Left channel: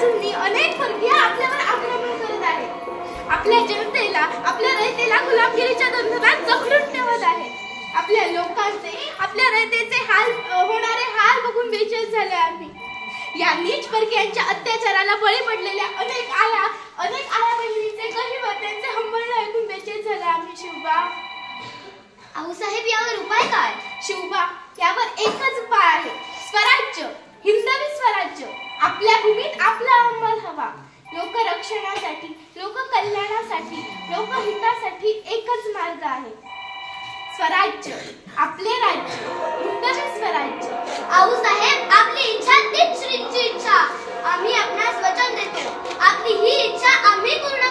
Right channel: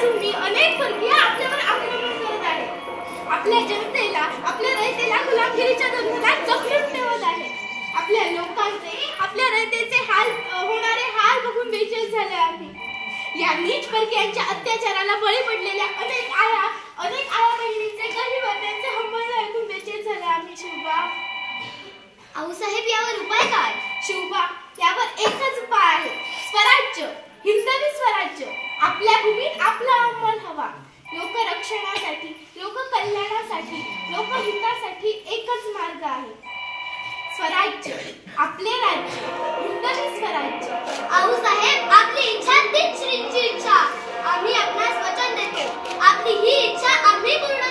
बाजूंनी अनेक परकीय आपल्यावर आक्रमण करत आहेत. आपल्या जनतेला, आपल्या रयतेला गुलामगिरीच्या बंधनात जखडून ठेवत आहेत. आपल्या लोकांचे, आपल्या रयतेचे होणारे हाल बघून बेचैन झाले आम्ही. या नीच परकीयांच्या अत्याचाराला बळी पडलेल्या अनेक आया बहिणींचे गहिवर त्यांचे हंबरणे ऐकून बेचैन झाले आम्ही. शिवबा, आऊसाहेब, यावर उपाय काय? शिवबा, यावर एकच उपाय आहे. स्वराज्य, हिंदवी स्वराज्य. आपल्या भूमीत आपला अंमल हवा. लोकरक्षणासाठी, लोककल्याणासाठी, लोकहितासाठी एकच मार्ग आहे. स्वराज्य, आपले राज्य, हिंदवी स्वराज्य. आऊसाहेब, आपली इच्छा तीच श्रींची इच्छा. आम्ही आपणास वचन देतो, आपली ही इच्छा आम्ही पूर्ण